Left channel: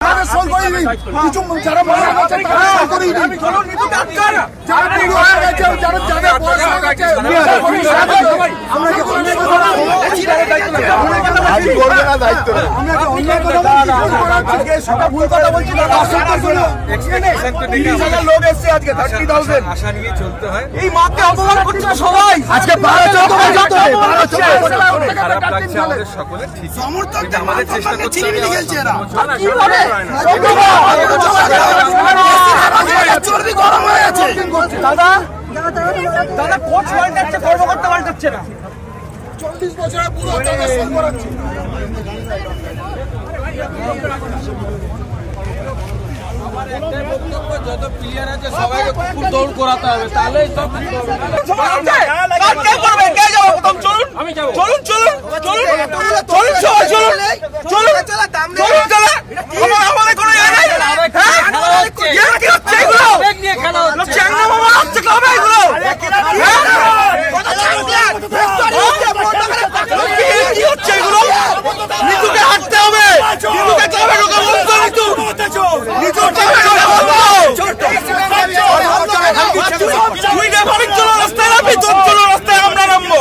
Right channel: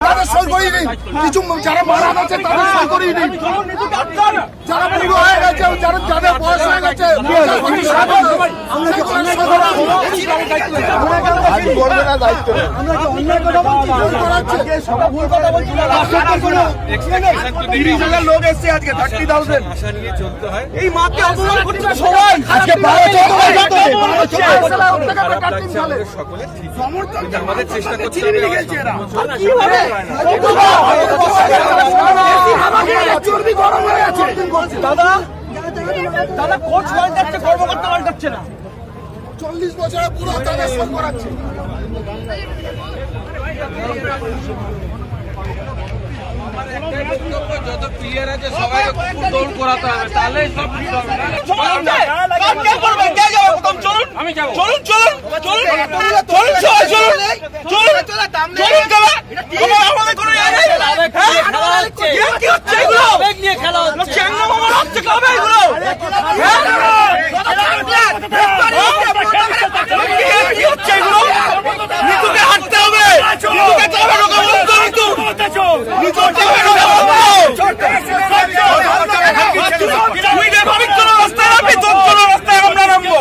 কিছু যারা মারা গেছে তারা সই করিয়ে দিন, যারা বুড়ো হয়ে গেছে, যাদের বয়স হয়ে গেছে লোক এসছে আজকে 30,000 আশা নিয়ে চলতে হয়। এই মাকে অপমান করছে সবাই আজকে আমাদের সকলের ঠিক, কিন্তু আমাদের চেষ্টা করতে হবে দাদা দাদা কোচ পাল্টাচ্ছে, কর্মকর্তা পাল্টাচ্ছে না। 40 বছরের পুরো করাচ্ছে। যত প্লেয়ার আছে সবাইকে কুকুর দৌড় করাতে হবে, তাহলে হাঁটতে হবে, রাস্তায় আমরা নামবো।